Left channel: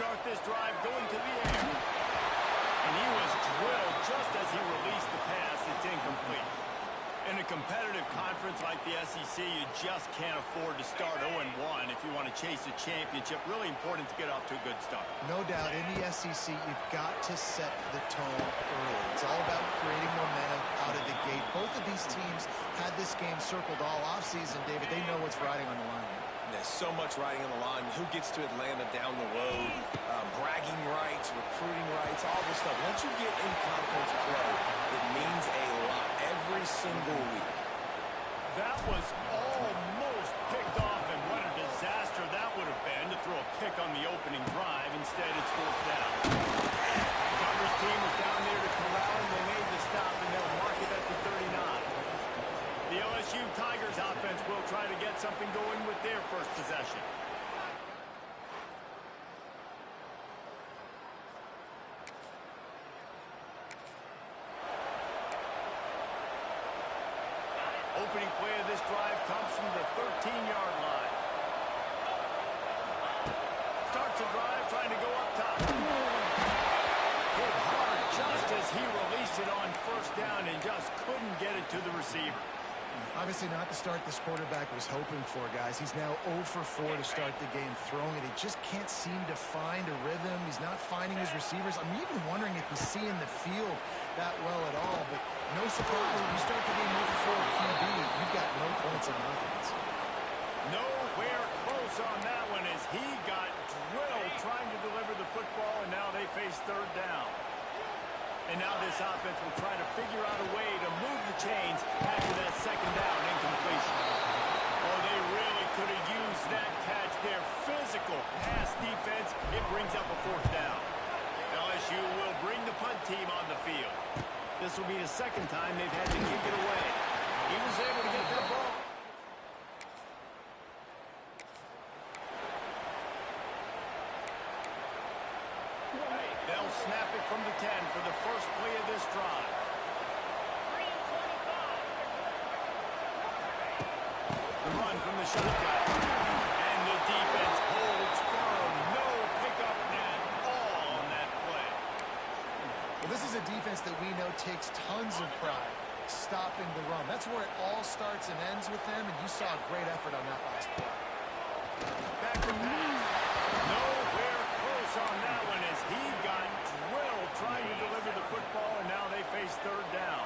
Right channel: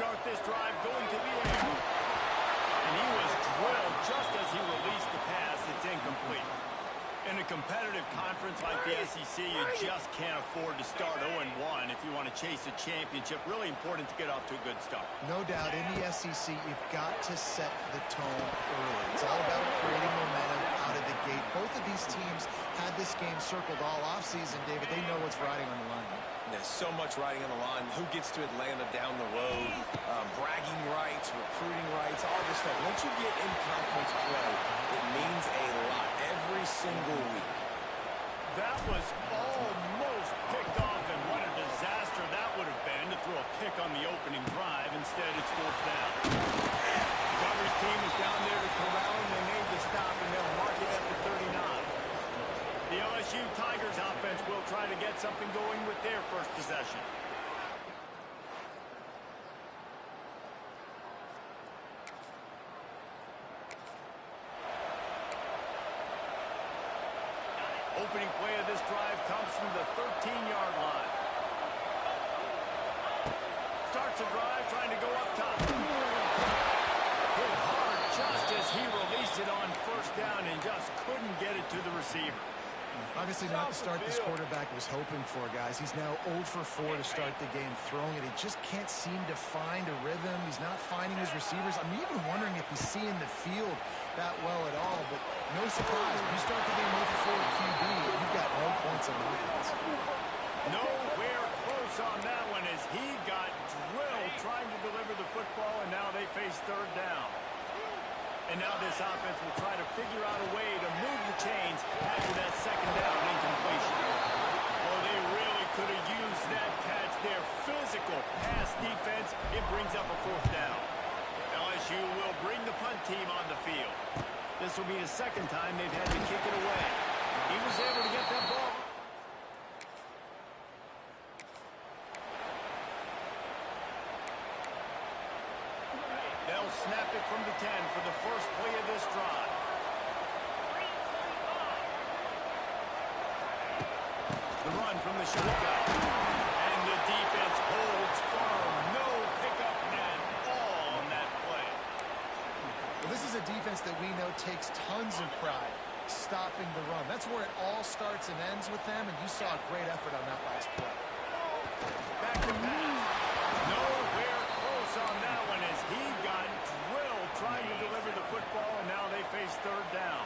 start this drive going to the air. And he was drilled just as he released the pass. It's incomplete. In a competitive conference like the SEC, you just can't afford to start 0-1 if you want to chase a championship. Really important to get off to a good start. No doubt, in the SEC, you've got to set the tone early. It's all about creating momentum out of the gate. Both of these teams had this game circled all offseason, David. They know what's riding on the line. There's so much riding on the line. Who gets to Atlanta down the road? Bragging rights, recruiting rights, all this stuff. Once you get in conference play, it means a lot every single week. That was almost picked off, and what a disaster that would have been to throw a pick on the opening drive. Instead, it's fourth down. The coverage team was down there to corral him. They made the stop, and they'll mark it at the 39. The LSU Tigers offense will try to get something going with their first possession. Opening play of this drive comes from the 13-yard line. Starts a drive trying to go up top. Hit hard just as he released it on first down and just couldn't get it to the receiver. Obviously not the start this quarterback was hoping for, guys. He's now 0 for 4 to start the game throwing it. He just can't seem to find a rhythm. He's not finding his receivers. I'm even wondering if he's seeing the field that well at all. But no surprise, when you start the game 0 for 4 QB, you've got no points on offense. Nowhere close on that one as he got drilled trying to deliver the football, and now they face third down. And now this offense will try to figure out a way to move the chains after that second down incompletion. Oh, they really could have used that catch there. Physical pass defense. It brings up a fourth down. LSU will bring the punt team on the field. This will be the second time they've had to kick it away. He was able to get that ball. They'll snap it from the 10 for the first play of this drive. The run from the shotgun. And the defense holds firm. No pickup at all on that play. Well, this is a defense that we know takes tons of pride stopping the run. That's where it all starts and ends with them, and you saw a great effort on that last play. Back to pass. Nowhere close on that one as he got drilled trying to deliver the football, and now they face third down.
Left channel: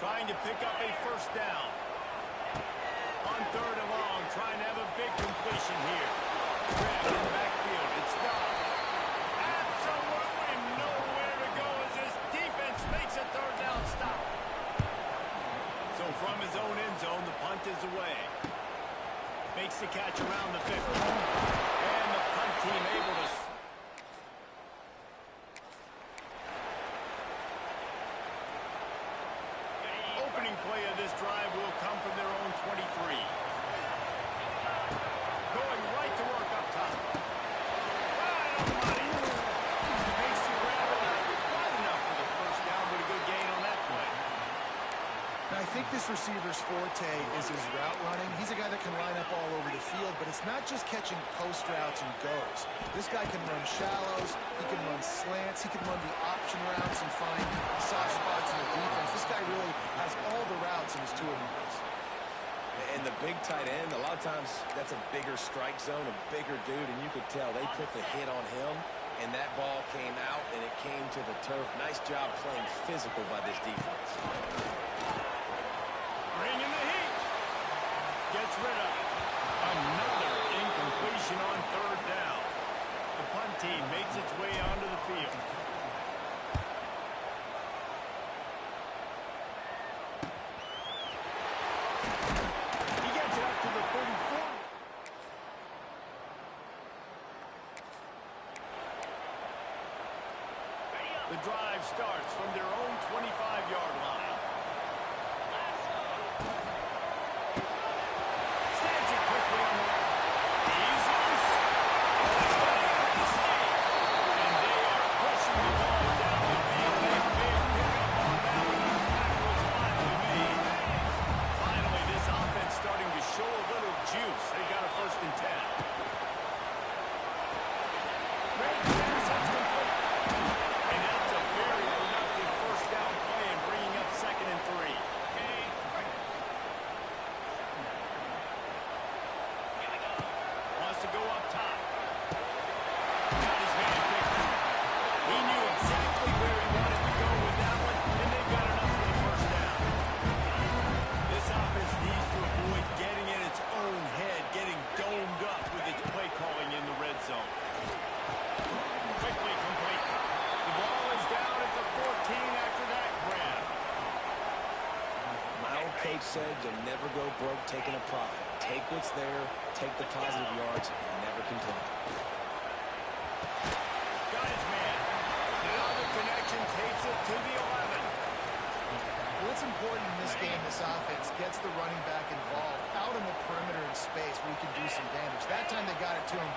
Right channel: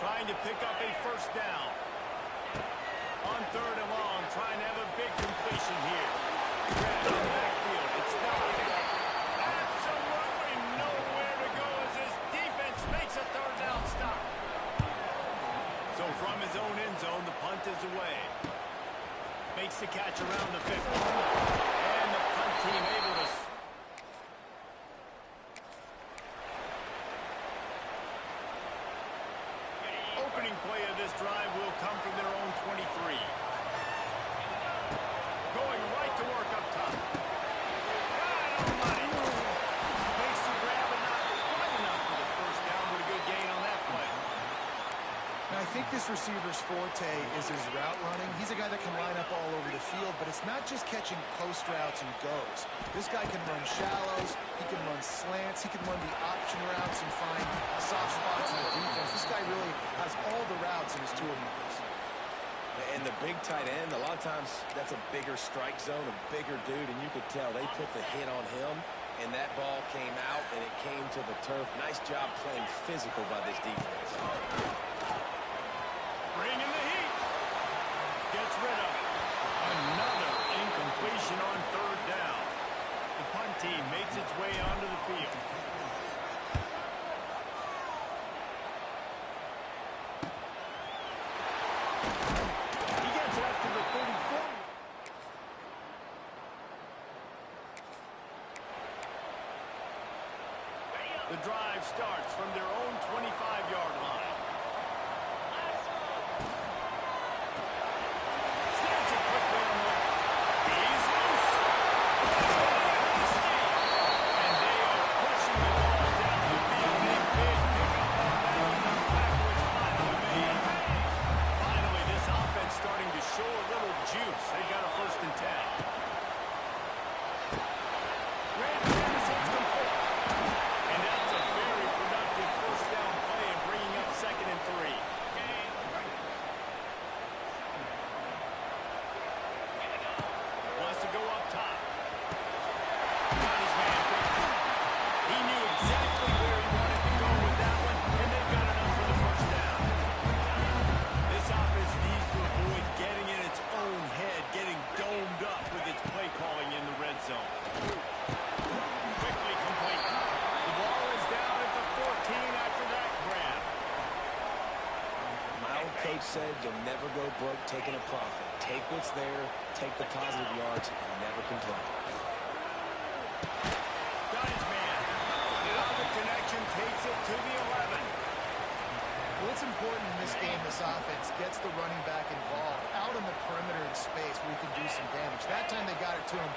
Trying to pick up a first down. On third and long, trying to have a big completion here. Grabbed in the backfield. It's stopped. Absolutely nowhere to go as his defense makes a third down stop. So from his own end zone, the punt is away. Makes the catch around the 50. And the punt team able to... Opening play of this drive will come from their own 23. Going right to work up top. Right on the money. Makes the grab and not quite enough for the first down, but a good gain on that play. Now, I think this receiver's forte is his route running. He's a guy that can line up all over the field, but it's not just catching post routes and goes. This guy can run shallows, he can run slants, he can run the option routes and find soft spots in the defense. This guy really has all the routes in his toolbox. And the big tight end, a lot of times that's a bigger strike zone, a bigger dude, and you could tell they put the hit on him, and that ball came out, and it came to the turf. Nice job playing physical by this defense. Bringing the heat. Gets rid of it. Another incompletion on third down. The punt team makes its way onto the field. He gets it up to the 34. The drive starts from their own 25-yard line. Snaps it quickly on the left. He's loose. And they are pushing the ball down the field. A big pickup on that one. The tackle is finally made. Finally, this offense starting to show a little juice. They've got a 1st and 10. Tate said, you'll never go broke taking a profit. Take what's there, take the positive yards, and never complain. Got his man. Now the connection takes it to the 11. Well, it's important in this game, this offense gets the running back involved out in the perimeter in space where he can do some damage. That time they got it to him,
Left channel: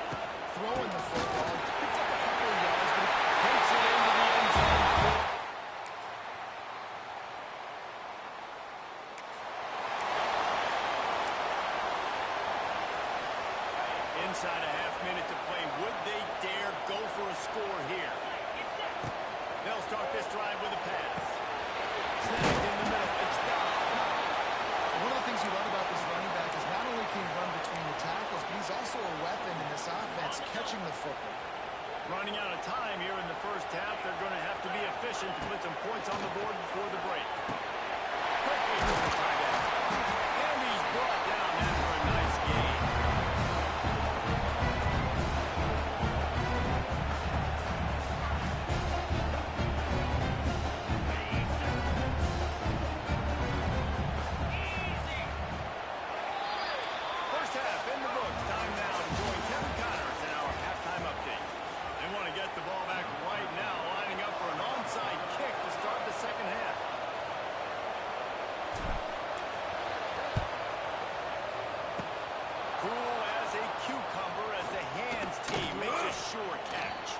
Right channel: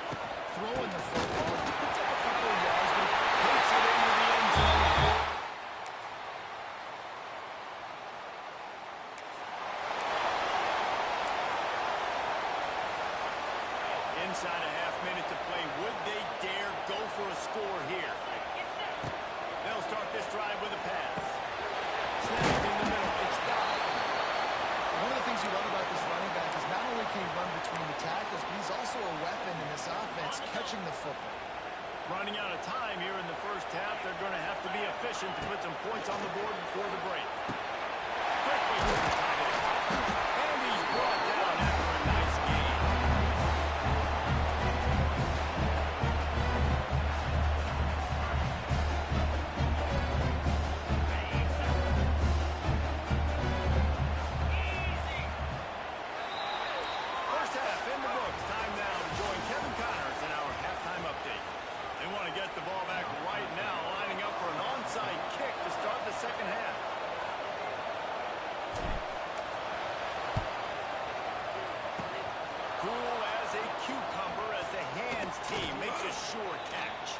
throwing the football. He picked up a couple of yards, but he Takes it into the end zone. Inside a half minute to play. Would they dare go for a score here? They'll start this drive with a pass. Snapped in the middle. It's down. One of the things you love about this running back is not only can he run between the tackles, but he's also a weapon in this offense, catching the football. Running out of time here in the first half. They're going to have to be efficient to put some points on the board before the break. Quickly to the tight end. And he's brought down after a nice gain. First half in the books. Time now to join Kevin Connors in our halftime update. They want to get the ball back right now, lining up for an onside kick to start the second half. Cool as a cucumber as the hands team makes a sure catch.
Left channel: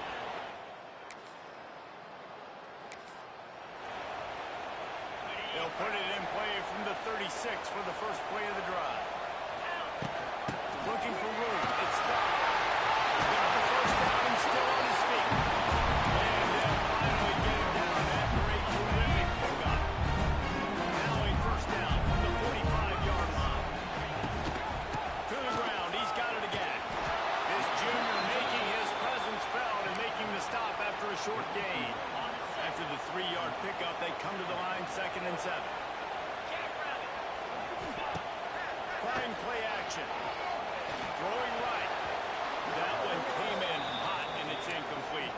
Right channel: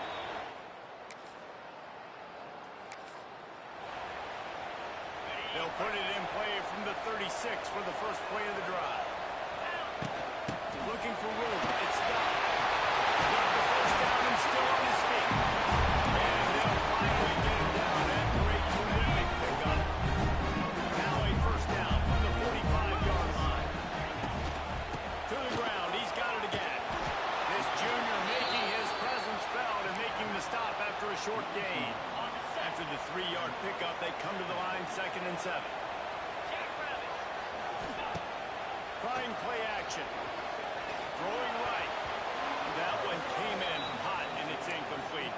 They'll put it in play from the 36 for the first play of the drive. Looking for room. It's stopped. Got the first down and still on his feet. And they'll finally get him down after a terrific pickup. Now a first down from the 45-yard line. To the ground. He's got it again. This junior making his presence felt and making the stop after a short gain. After the 3-yard pickup, they come to the line 2nd and 7. Trying play action. Throwing right. That one came in hot, and it's incomplete.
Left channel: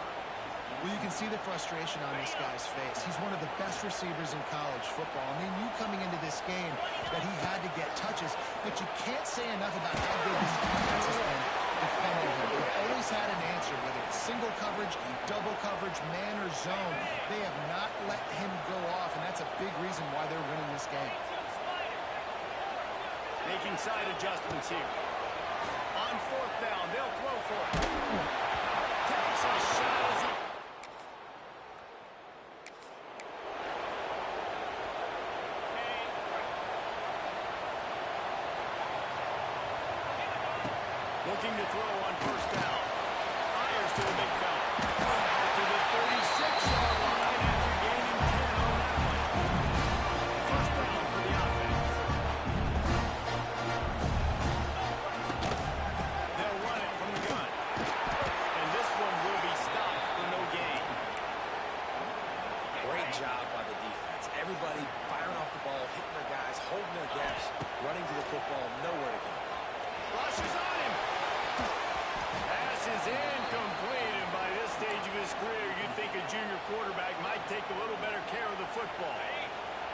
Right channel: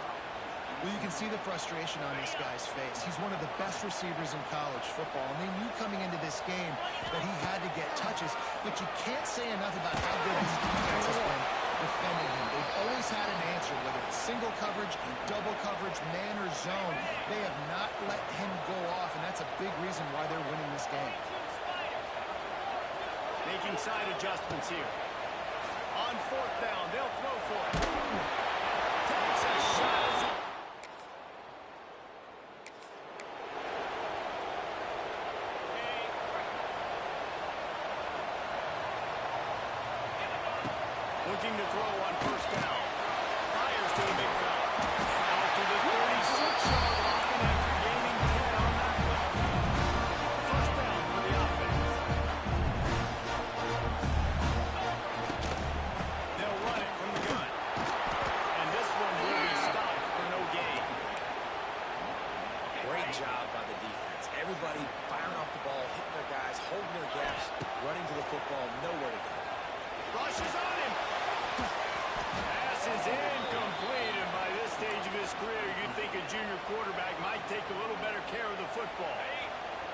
Well, you can see the frustration on this guy's face. He's one of the best receivers in college football, and they knew coming into this game that he had to get touches, but you can't say enough about how good this defense has been defending him. They've always had an answer, whether it's single coverage, double coverage, man or zone. They have not let him go off, and that's a big reason why they're winning this game. Making side adjustments here. On 4th down, they'll throw for it. Takes a shot as he... Looking to throw on 1st down. Fires to the big fella. Out to the 36-yard line after gaining 10 on that one. 1st down for the offense. They'll run it from the gun. And this one will be stopped for no gain. Great job by the defense. Everybody firing off the ball, hitting their guys, holding their gaps, running to the football, nowhere to go. Rushes on him. Pass is incomplete, and by this stage of his career, you'd think a junior quarterback might take a little better care of the football.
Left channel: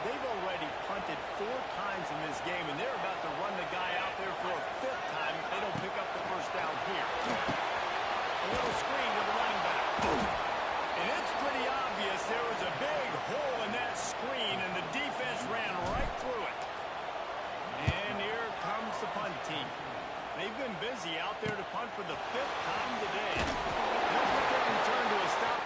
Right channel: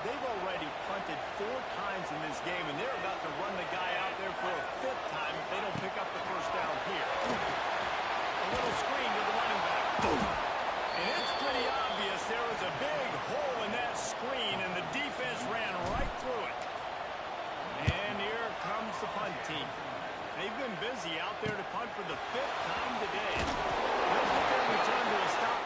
They've already punted 4 times in this game, and they're about to run the guy out there for a 5th time if they don't pick up the first down here. A little screen to the running back. And it's pretty obvious there was a big hole in that screen, and the defense ran right through it. And here comes the punt team. They've been busy out there to punt for the 5th time today. They'll put their return to a stop.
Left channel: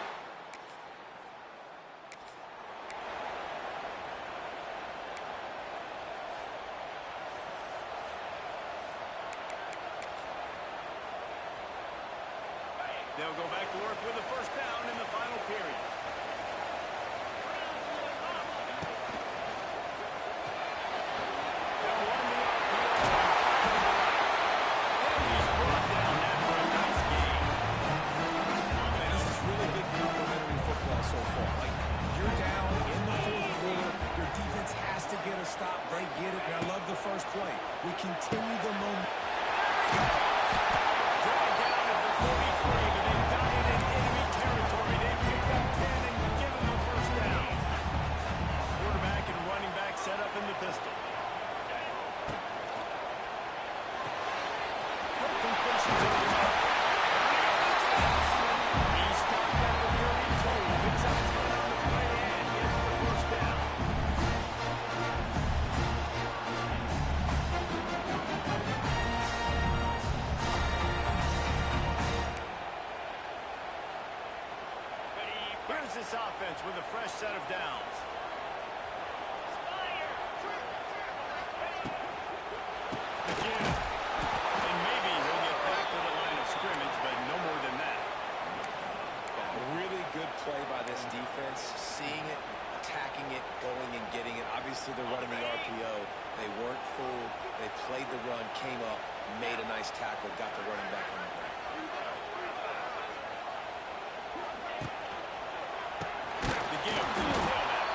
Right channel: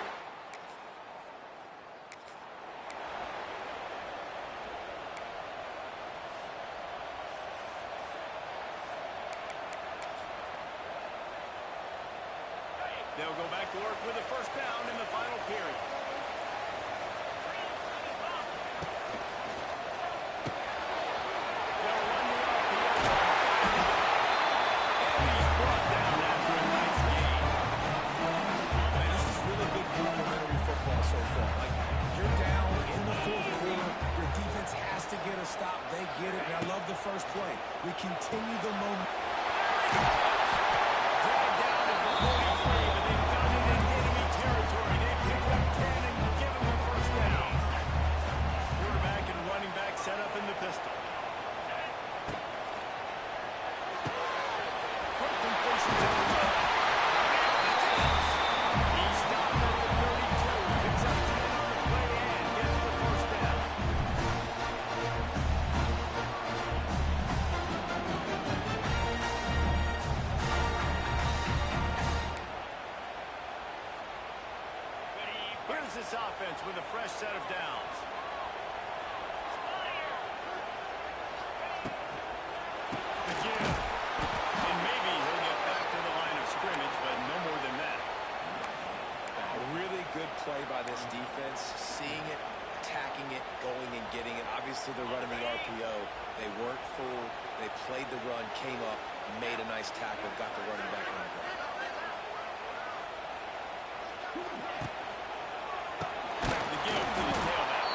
They'll go back to work with a 1st down in the final period. They'll run the RPO and fire to the right. And he's brought down after a nice gain. Man, this is really good complementary football so far. Like, you're down in the 4th quarter. Your defense has to get a stop. They get it, and I love the first play. We continue the momentum. There he goes. Dragged down at the 43, but they've got it in enemy territory. They picked up 10 and give him a 1st down. Quarterback and running back set up in the pistol. this offense with a fresh set of downs. The give. And maybe he'll get back to the line of scrimmage, but no more than that. A really good play by this defense, seeing it, attacking it, going and getting it. Obviously, they're running the RPO. They weren't fooled. They played the run, came up, made a nice tackle, got the running back on the ground. The give to the tailback.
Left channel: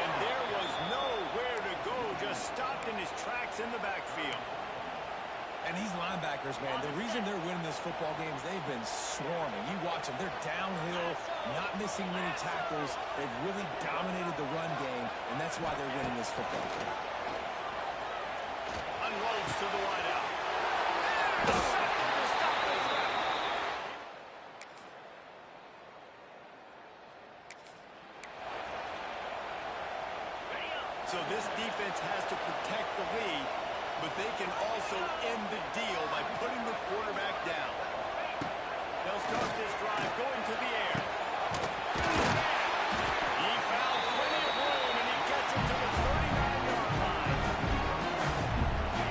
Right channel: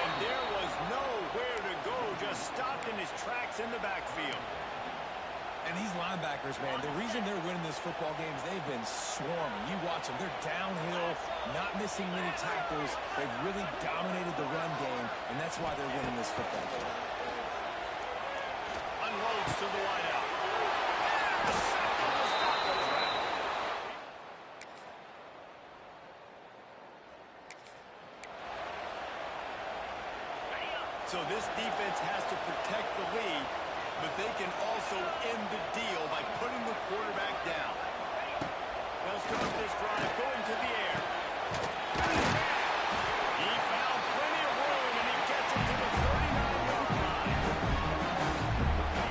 And there was nowhere to go, just stopped in his tracks in the backfield. And these linebackers, man, the reason they're winning this football game is they've been swarming. You watch them. They're downhill, not missing many tackles. They've really dominated the run game, and that's why they're winning this football game. Unloads to the wideout. Intercepted to stop the threat. So this defense has to protect the lead, but they can also end the deal by putting the quarterback down. They'll start this drive going to the air. He found plenty of room, and he gets it to the 39-yard line.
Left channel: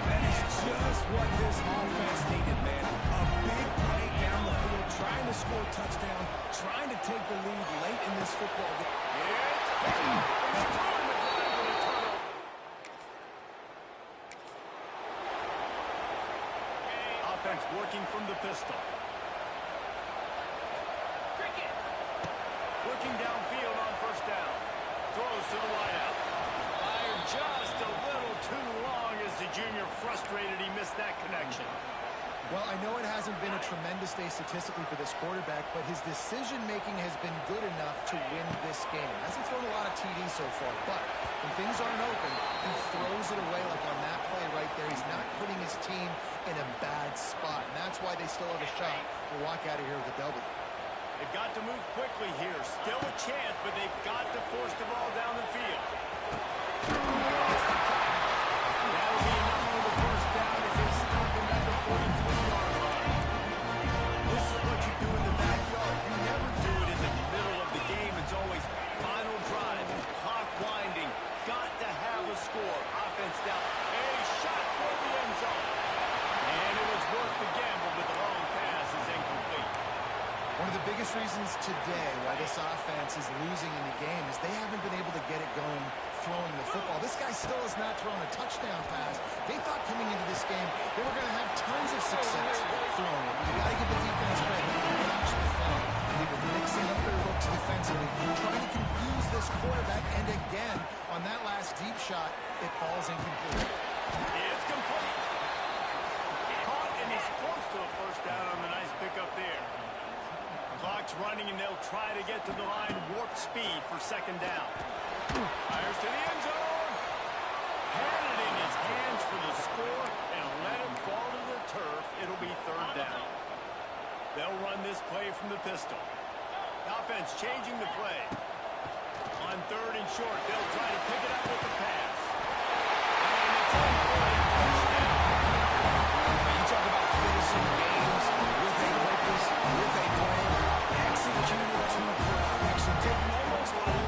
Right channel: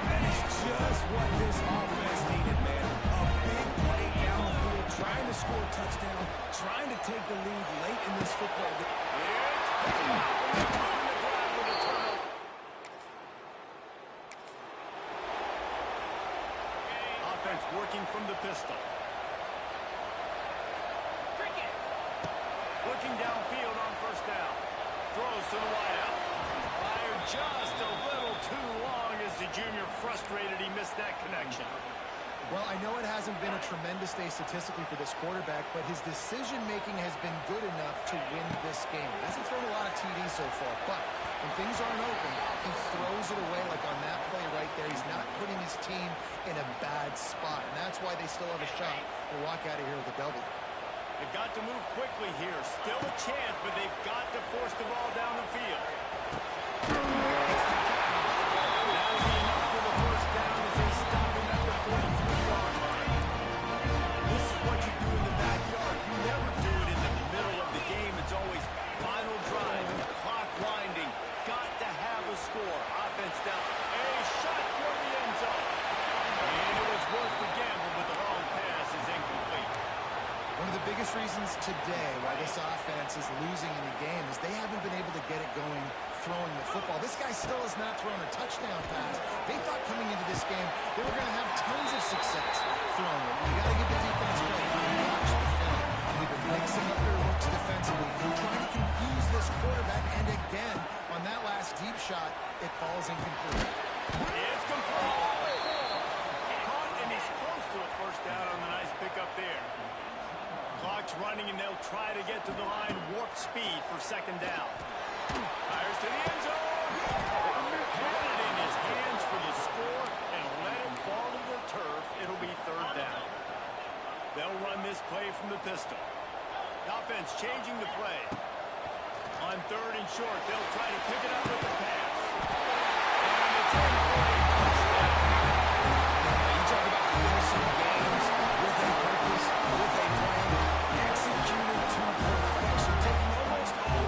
That is just what this offense needed, man. A big play down the field, trying to score a touchdown, trying to take the lead late in this football game. It's picked up, and they ruin the drive with a turnover. Offense working from the pistol. Looking downfield on first down. Throws to the wideout. Fired just a little too long as the junior frustrated he missed that connection. Well, I know it hasn't been a tremendous day statistically for this quarterback, but his decision-making has been good enough to win this game. Hasn't thrown a lot of TDs so far, but when things aren't open, he throws it away like on that play right there. He's not putting his team in a bad spot, and that's why they still have a shot to walk out of here with a W. They've got to move quickly here. Still a chance, but they've got to force the ball down the field. That'll be enough for the first down as they stop him at the 43-yard line. This is what you do in the backyard. You never do it in the middle of the game. It's always final drive, clock winding. Got to have a score. Offense down. A shot toward the end zone. And it was worth the gamble, but the long pass is incomplete. One of the biggest reasons today why this offense is losing in the game is they haven't been able to get it going throwing the football. This guy still has not thrown a touchdown pass. They thought coming into this game they were going to have tons of success throwing it. You got to give the defense credit. Watch the film. They've been mixing up their looks defensively, trying to confuse this quarterback, and again, on that last deep shot, it falls incomplete. It's complete. Caught, and he's close to a first down on the nice pickup there. Clock's running, and they'll try to get to the line warp speed for second down. Fires to the end zone. Had it in his hands for the score and let it fall to the turf. It'll be third down. They'll run this play from the pistol. The offense changing the play. On third and short, they'll try to pick it up with the pass. And it's in for a touchdown. Now you talk about finishing games with a purpose, with a plan, executed to perfection, taking almost all.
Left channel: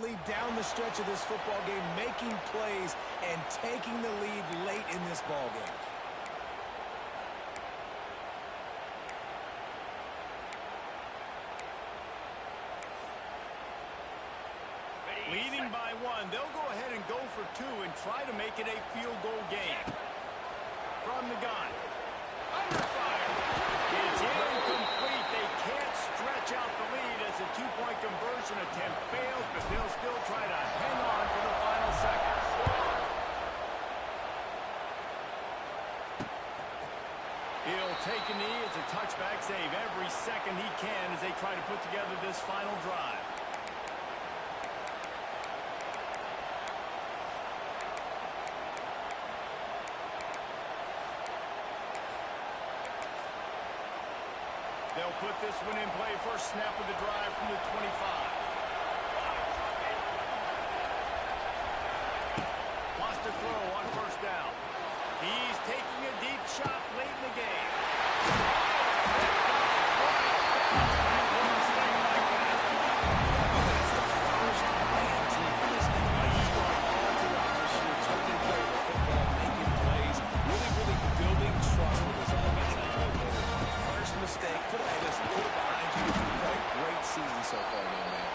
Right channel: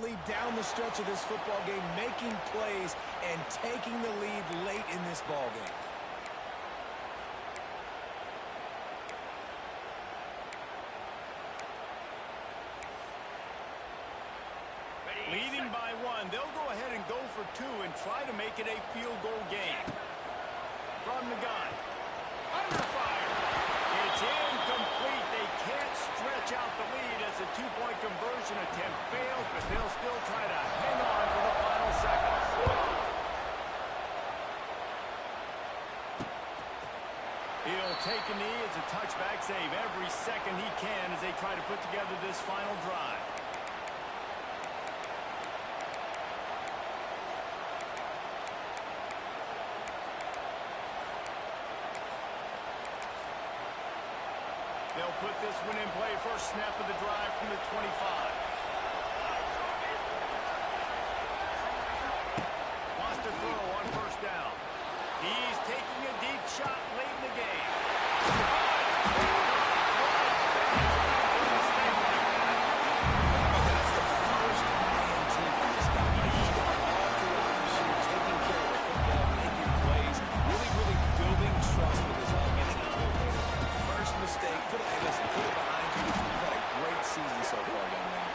Lead down the stretch of this football game, making plays and taking the lead late in this ball game. Leading by one, they'll go ahead and go for two and try to make it a field goal game. From the gun. Under fire. It's incomplete. They can't stretch out the lead as a two-point conversion attempt fails, but they'll still try to hang on for the final seconds. He'll take a knee. It's a touchback save every second he can as they try to put together this final drive. They'll put this one in play. First snap of the drive from the 25. Wants to throw on first down. He's taking a deep shot late in the game. Oh, it's picked off right back. Make a mistake like that. That's the first INT for this guy. He's gone all throughout this year, taking care of the football, making plays, really building trust with his offensive coordinator. First mistake, hey, listen, put it behind you. You've had a great season so far, young man.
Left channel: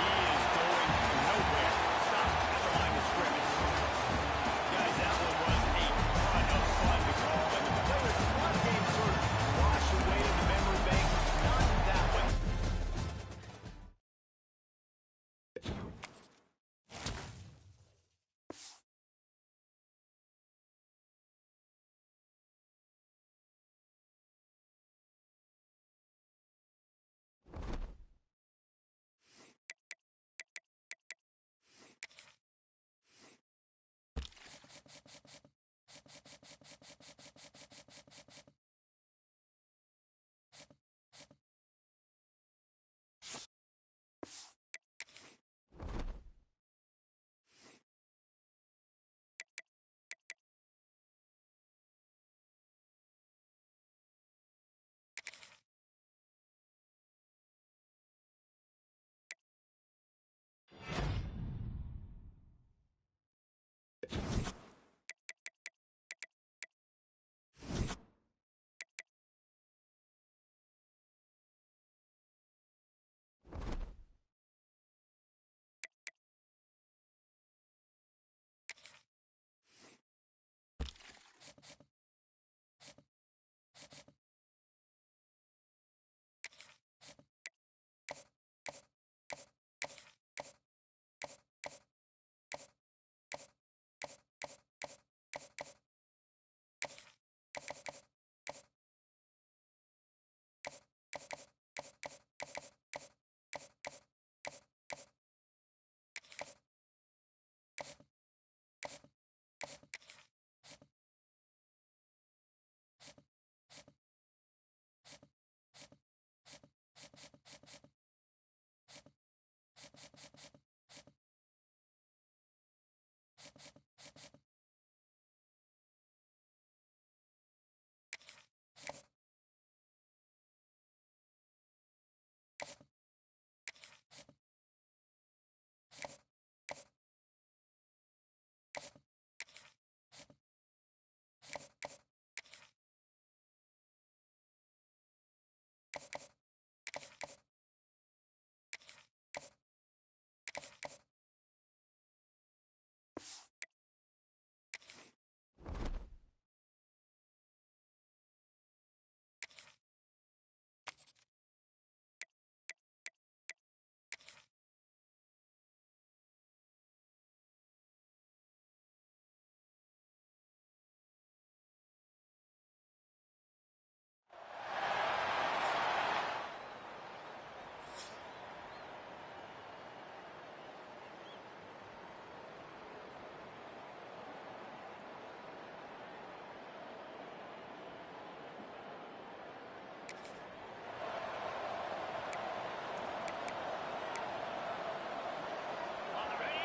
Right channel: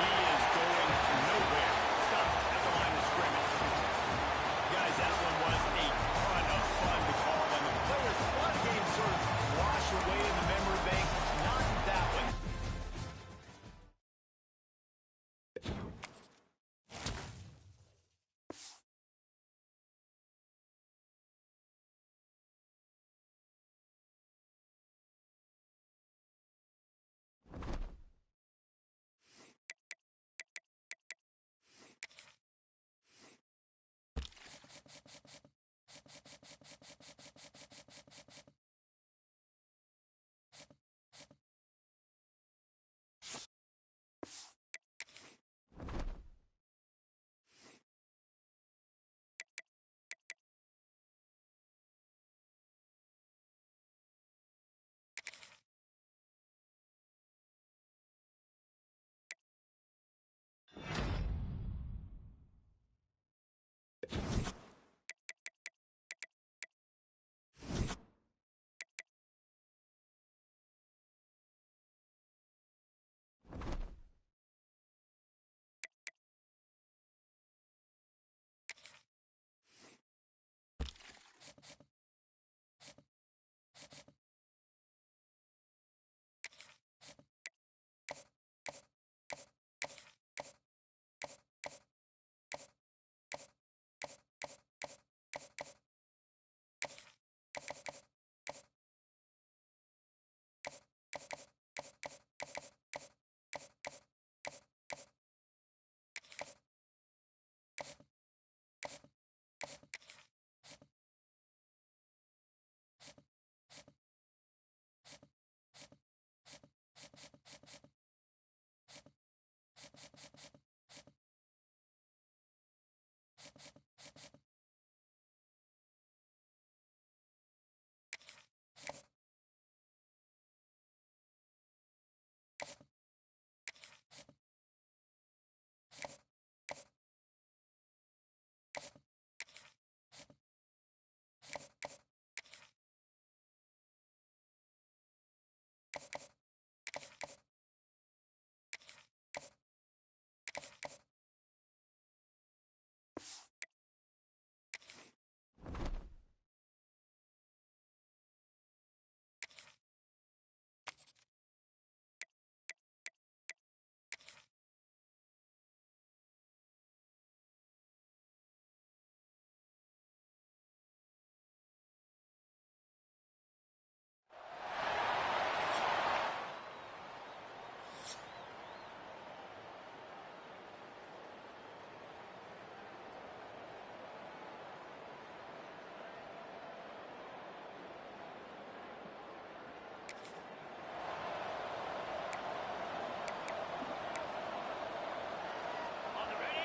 He is going nowhere. Stop at the line of scrimmage. Guys, that one was a ton of fun to call, and the players, a lot of games sort of wash away in the memory bank. Not that one.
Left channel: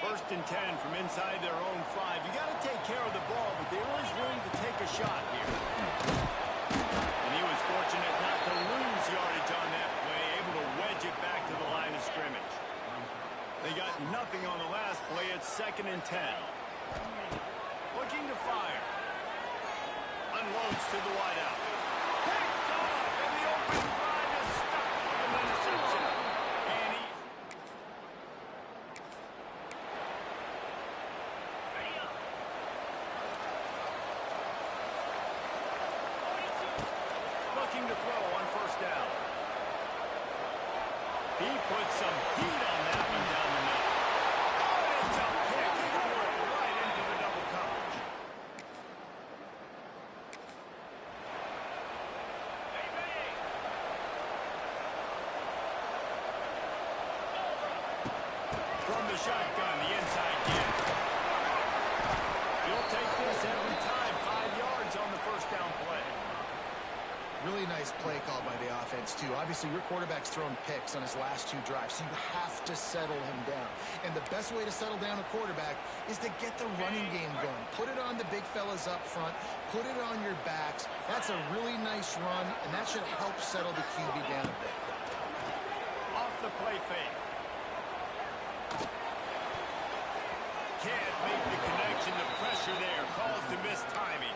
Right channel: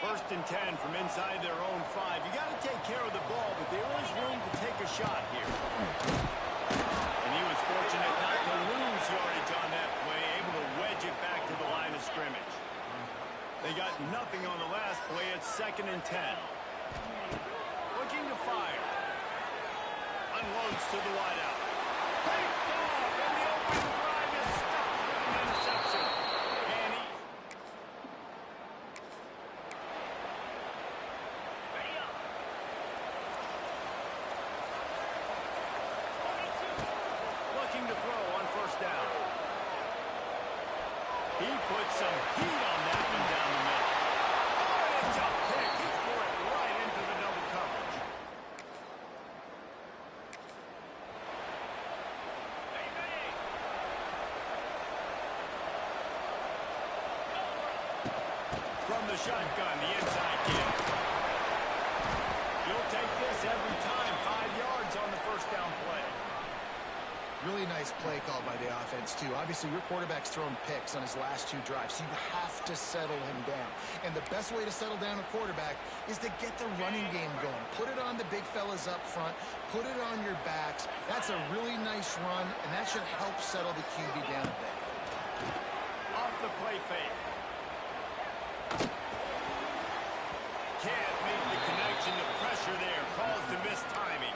First and 10 from inside their own 5. You got to take care of the ball, but there is room to take a shot here. And he was fortunate not to lose yardage on that play, able to wedge it back to the line of scrimmage. They got nothing on the last play. It's 2nd and 10. Looking to fire. Unloads to the wideout. Picked off, and the open drive is stopped with an interception. And he... Looking to throw on first down. He put some heat on that one down the middle. Oh, and it's a pick. He threw it right into the double coverage. From the shotgun, the inside give. You'll take this every time. 5 yards on the first down play. Really nice play called by the offense, too. Obviously, your quarterback's thrown picks on his last 2 drives, so you have to settle him down. And the best way to settle down a quarterback is to get the running game going. Put it on the big fellas up front. Put it on your backs. That's a really nice run, and that should help settle the QB down a bit. Off the play fake. Can't make the connection. The pressure there caused the missed timing.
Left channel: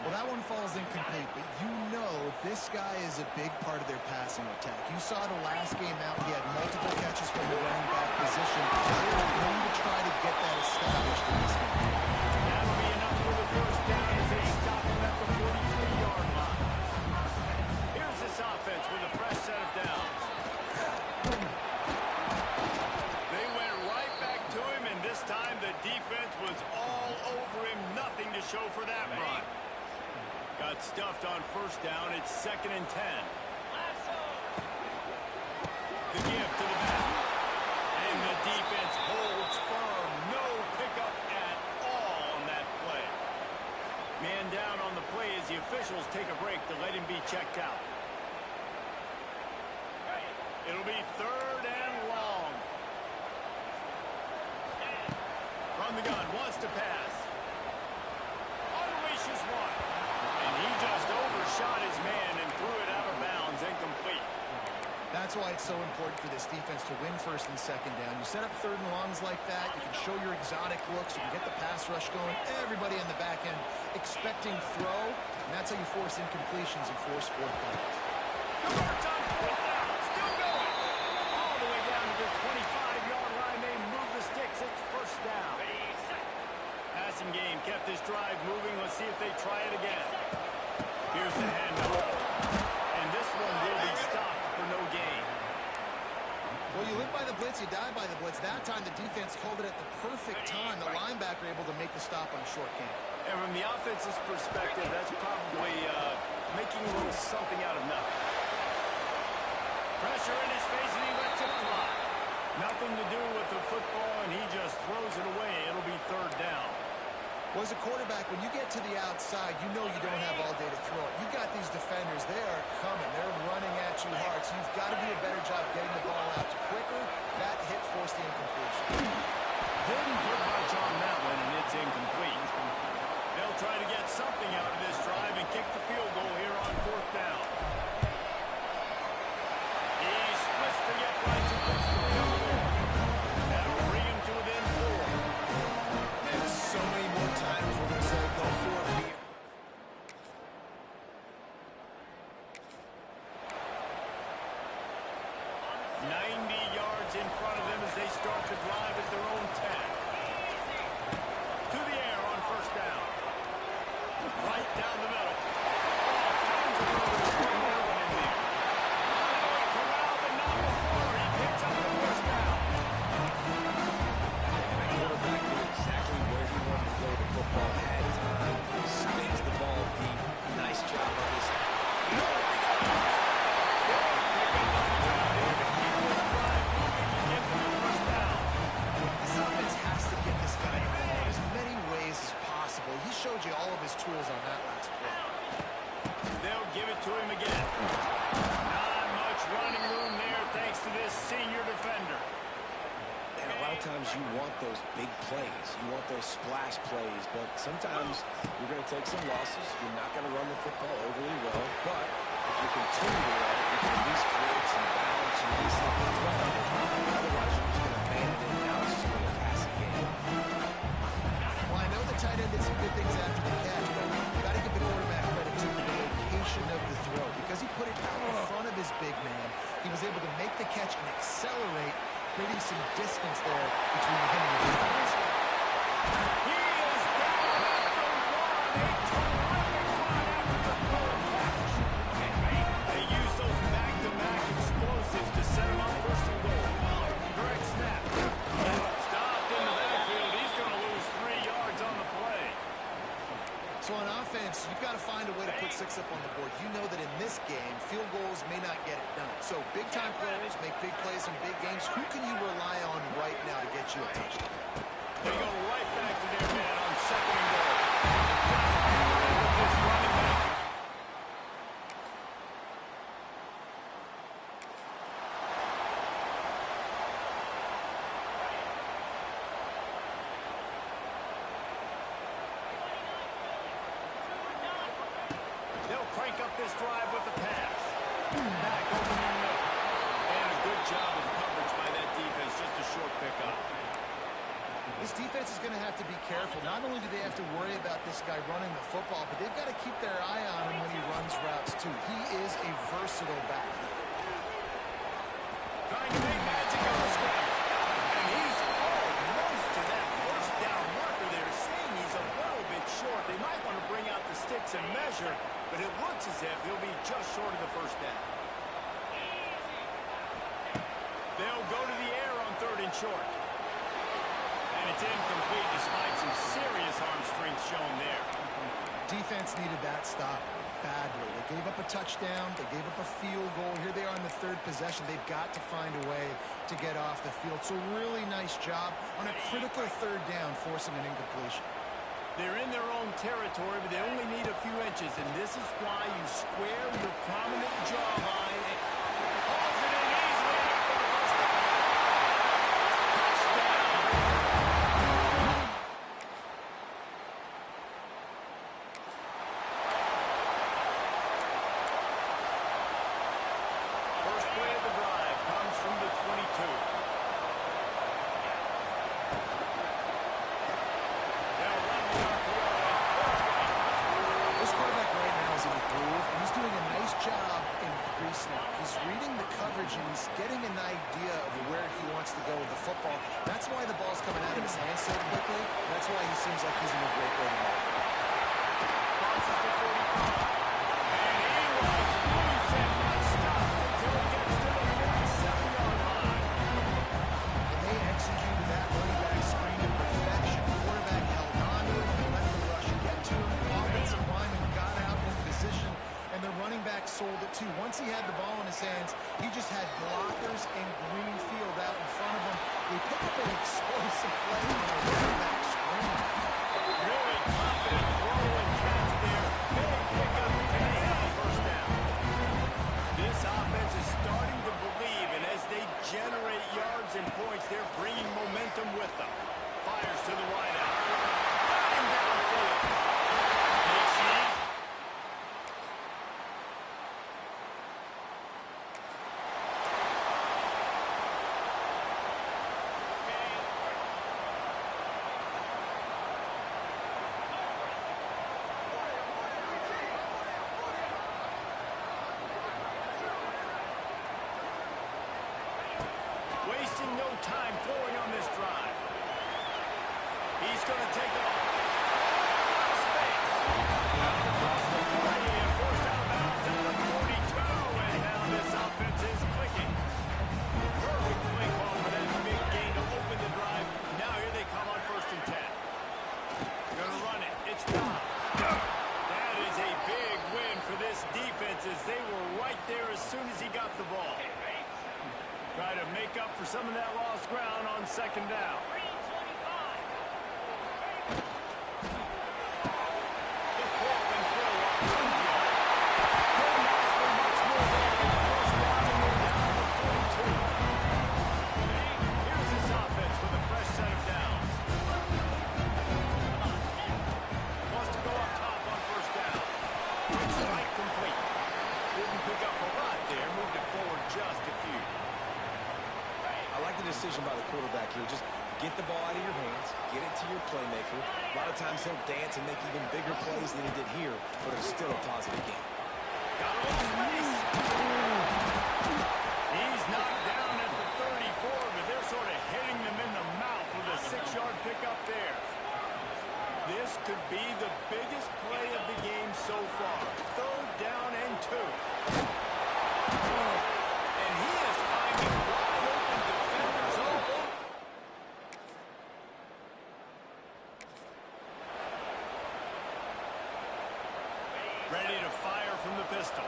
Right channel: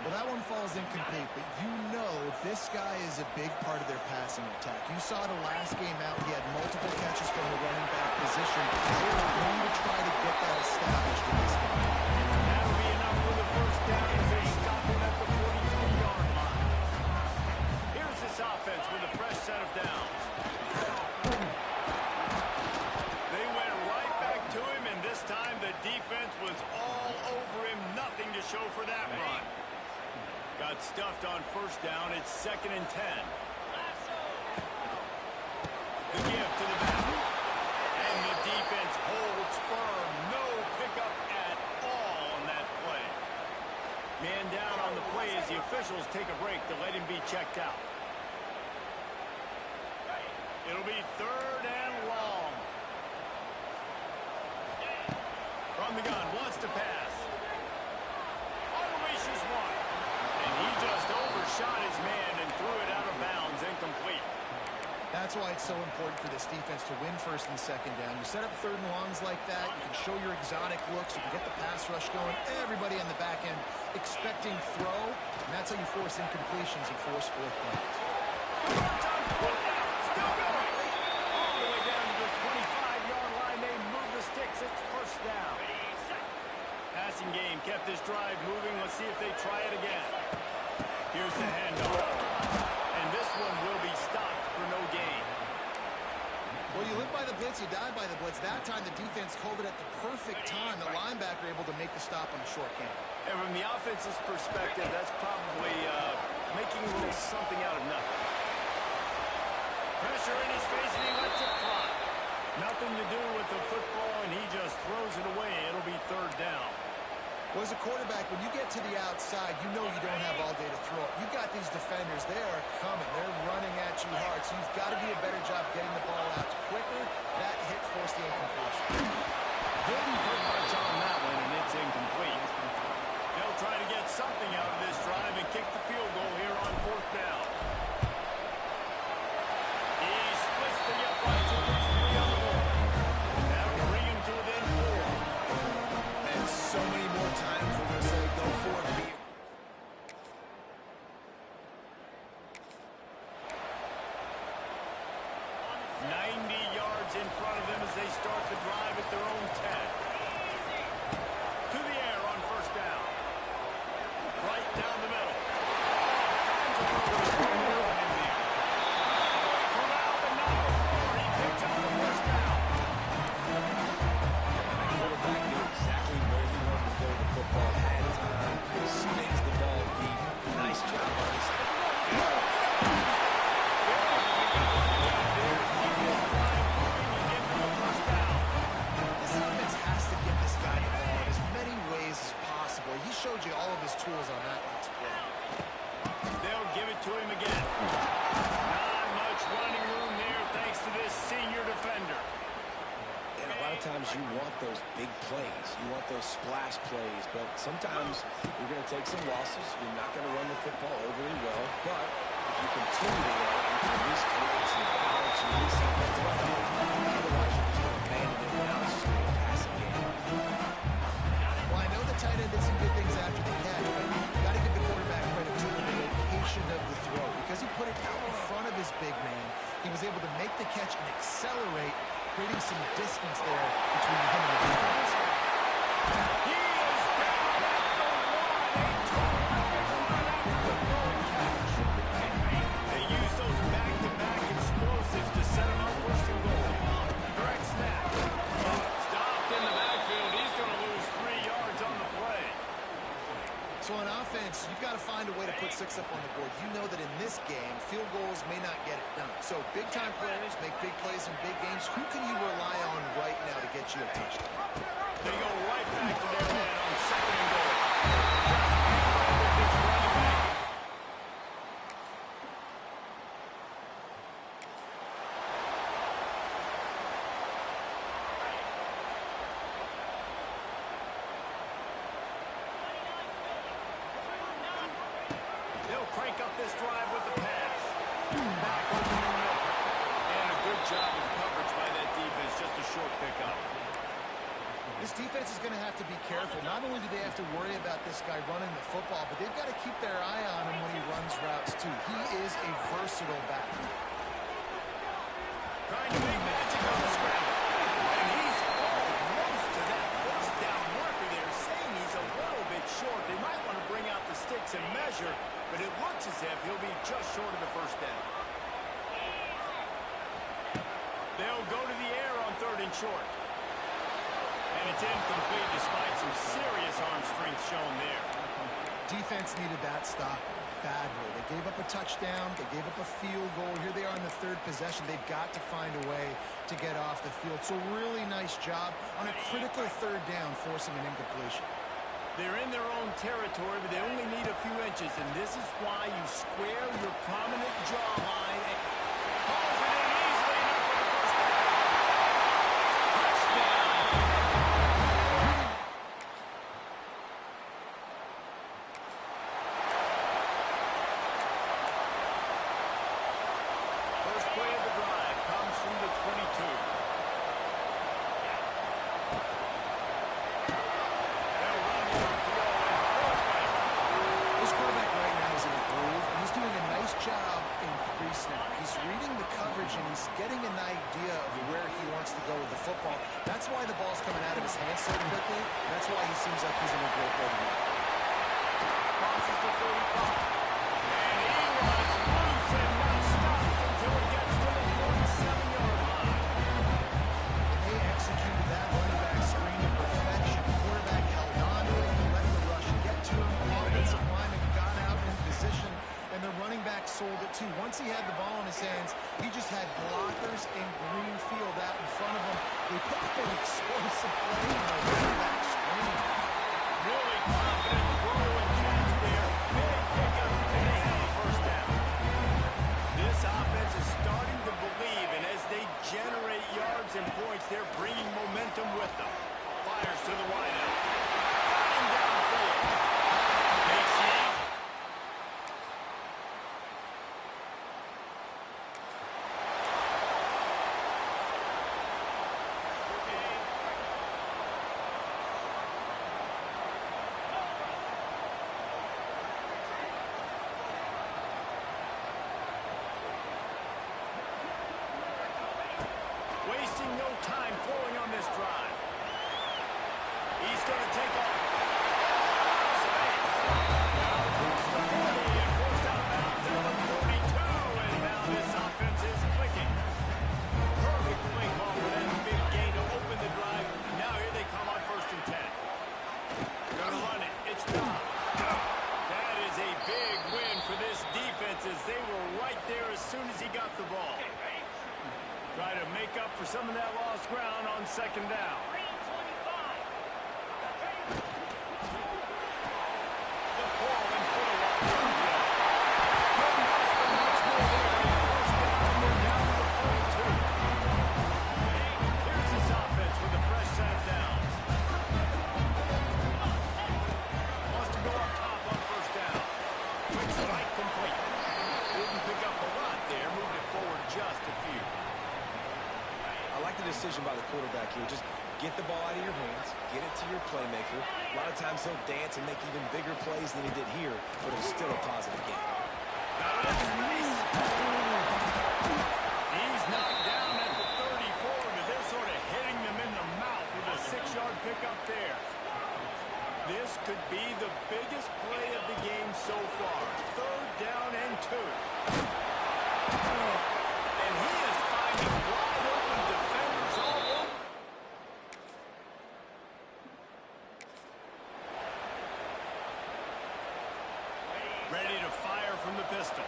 Well, that one falls incomplete, but you know this guy is a big part of their passing attack. You saw the last game out, he had multiple catches from the running back position. They are going to try to get that established in this game. That'll be enough for the first down as they stop him at the 43-yard line. Here's this offense with a fresh set of downs. They went right back to him, and this time the defense was all over him. Nothing to show for that run. Got stuffed on first down. It's 2nd and 10. The give to the back. And the defense holds firm. No pickup at all on that play. Man down on the play as the officials take a break to let him be checked out. It'll be 3rd and long. From the gun, wants to pass. Unleashes one. And he just overshot his man and threw it out of bounds, incomplete. That's why it's so important for this defense to win 1st and 2nd down. You set up 3rd and longs like that, you can show your exotic looks, you can get the pass rush going, everybody on the back end expecting throw, and that's how you force incompletions and force 4th downs. Converts on 4th down, still going. All the way down to the 25-yard line, they move the sticks, it's 1st down. Passing game kept this drive moving. Let's see if they try it again. Here's the handoff. And this one will be stopped for no gain. Well, you live by the blitz, you die by the blitz. That time the defense called it at the perfect time. The linebacker able to make the stop on a short game. And from the offense's perspective, that's probably making a little something out of nothing. Pressure in his face, and he lets it fly. Nothing to do with the football, and he just throws it away. It'll be 3rd down. Well, as a quarterback, when you get to the outside, you know you don't have all day to throw it. You got these defenders. They are coming. They're running at you hard, so you've got to do a better job getting the ball out quicker. That hit forced the incompletion. Didn't put much on that one, and it's incomplete. They'll try to get something out of this drive and kick the field goal here on 4th down. He splits the uprights and puts 3 on the board. That'll bring him to within 4. And so many more times we're going to say go for it. 90 yards in front of them as they start the drive at their own 10. To the air on 1st down. Right down the middle. All kinds of room to throw that one in there. Conway corralled, but not before. He picks up the 1st down. And the quarterback knew exactly where he wanted to go with the football. Had time. Spins the ball deep. Nice job on his side. This offense has to get this guy the ball in as many ways as possible. He showed you all of his tools on that last play. They'll give it to him again. Not much running room there thanks to this senior defender. And a lot of times you want those big plays. You want those splash plays. But sometimes you're going to take some losses. You're not going to run the football overly well. But if you continue to run it, you can at least create some balance and at least have a threat of it. Otherwise, you're just going to abandon it. Now it's just going to be a passing game. Well, I know the tight end did some good things after the catch, but you got to give the quarterback credit too for the location of the throw. Because he put it out in front of his big man, he was able to make the catch and accelerate, creating some distance there between him and the defense. He is down at the 1. A terrific run after the throw and catch. They use those back-to-back explosives to set him up 1st and goal. Direct snap. Stopped in the backfield. He's going to lose 3 yards on the play. So on offense, you've got to find a way to put 6 up on the board. You know that in this game, field goals may not get it done. So big-time players make big plays in big games. Who can you rely on right now to get you a touchdown? They go right back to their man on 2nd and goal. Just hammering with this running back. crank up this drive with the pass. Back open in the middle. And a good job of coverage by that defense. Just a short pickup. This defense is going to have to be careful. Not only do they have to worry about this guy running the football, but they've got to keep their eye on him when he runs routes, too. He is a versatile back. Trying to make magic on the scramble. And he's almost to that first down marker there, saying he's a little bit short. They might want to bring out the sticks and measure, but it looks as if he'll be just short of the first down. They'll go to the air on 3rd and short. And it's incomplete despite some serious arm strength shown there. Defense needed that stop badly. They gave up a touchdown. They gave up a field goal. Here they are in the 3rd possession. They've got to find a way to get off the field. So really nice job on a critical 3rd down, forcing an incompletion. They're in their own territory, but they only need a few inches, and this is why you square your prominent jawline and pulls it in easily enough for the first down. Touchdown! First play of the drive comes from the 22. They'll run the RPO and pull right. This quarterback right now is in a groove, and he's doing a nice job in pre-snap. He's reading the coverage, and he's getting an idea of where he wants to go with the football. That's why the ball's coming out of his hands so quickly. That's why he seems like he's in a great way to mark. Crosses the 45. And he was loose and not stopped until he gets to the 47-yard line. And they executed that running back screen to perfection. Quarterback held on to it. He let the rush get to him. Offensive lineman got out in position, and the running back sold it too. Once he had the ball in his hands, he just had blockers and green field out in front of him. They picked up an explosive play on a running back screen. Really confident throw and catch there. Big pickup, and they have a first down. This offense is starting to believe, and as they generate yards and points, they're bringing momentum with them. Fires to the wideout. Got him downfield. Makes it easy. Wasting no time throwing on this drive. He's going to take off. Oh, out of space. Down across the 40 and forced out of bounds at the 42. And now this offense is clicking. Perfect play call for that big gain to open the drive. Now here they come on 1st and 10. Going to run it. It's Dobbs. That is a big win for this defense as they were right there as soon as he got the ball. Try to make up for some of that lost ground on 2nd down. The pull and throw off the RPO. Couldn't ask for much more there. A 1st down, and they're down to the 42. Here's this offense with a fresh set of downs. Wants to go up top on 1st down. Quick strike complete. Didn't pick up a lot there. Moved it forward just a few. I like the decision by the quarterback here. Just get the ball out of your hands, get it to your playmaker. A lot of times he'll dance and make even bigger plays than he did here, but it's still a positive game. Got a little space. He's knocked down at the 34, but they're sort of hitting them in the mouth with a 6-yard pickup there. This could be the biggest play of the game so far. 3rd down and 2. And he is finding wide open defenders all over. Ready to fire from the pistol.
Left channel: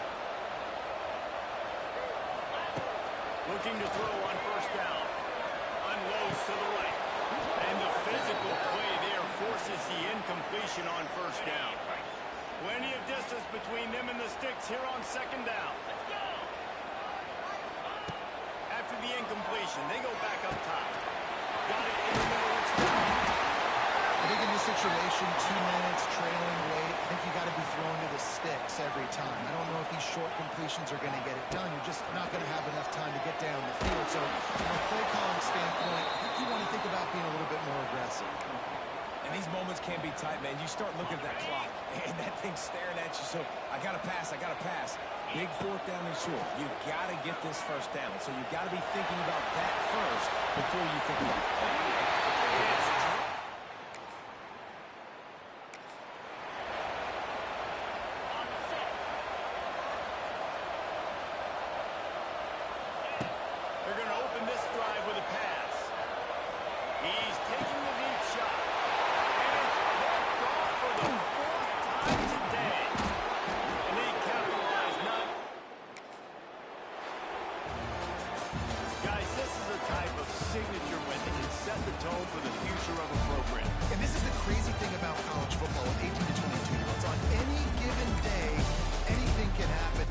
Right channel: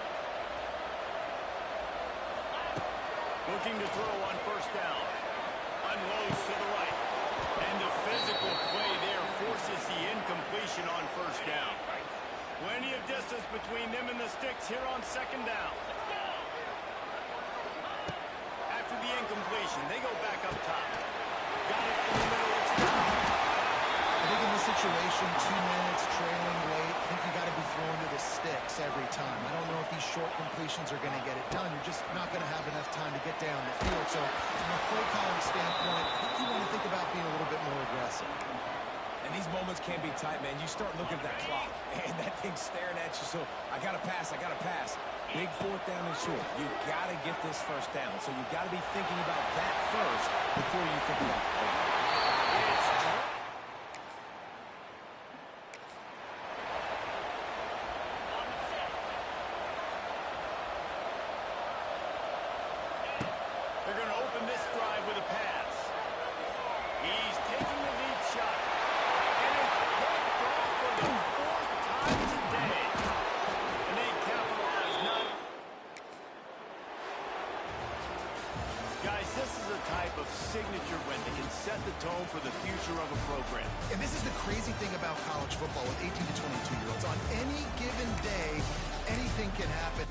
Looking to throw on 1st down. Unloads to the right. And the physical play there forces the incompletion on 1st down. Plenty of distance between them and the sticks here on 2nd down. After the incompletion, they go back up top. Got it in the middle, it's down. I think in this situation, 2 minutes, trailing late, I think you got to be throwing to the sticks every time. I don't know if these short completions are going to get it done. You're just not going to have enough time to get down the field. So from a play calling standpoint, I think you want to think about being a little bit more aggressive. And these moments can be tight, man. You start looking at that clock, and that thing's staring at you. So I got to pass, I got to pass. Big fourth down and short. You got to get this first down. So you got to be thinking about that first before you think about the clock. It's they're going to open this drive with a pass. He's taking the deep shot. And it's picked off for the 4th time today. And they capitalize not. Guys, this is a type of signature win that can set the tone for the future of a program. And this is the crazy thing about college football with 18 to 22-year-olds. On any given day, anything can happen.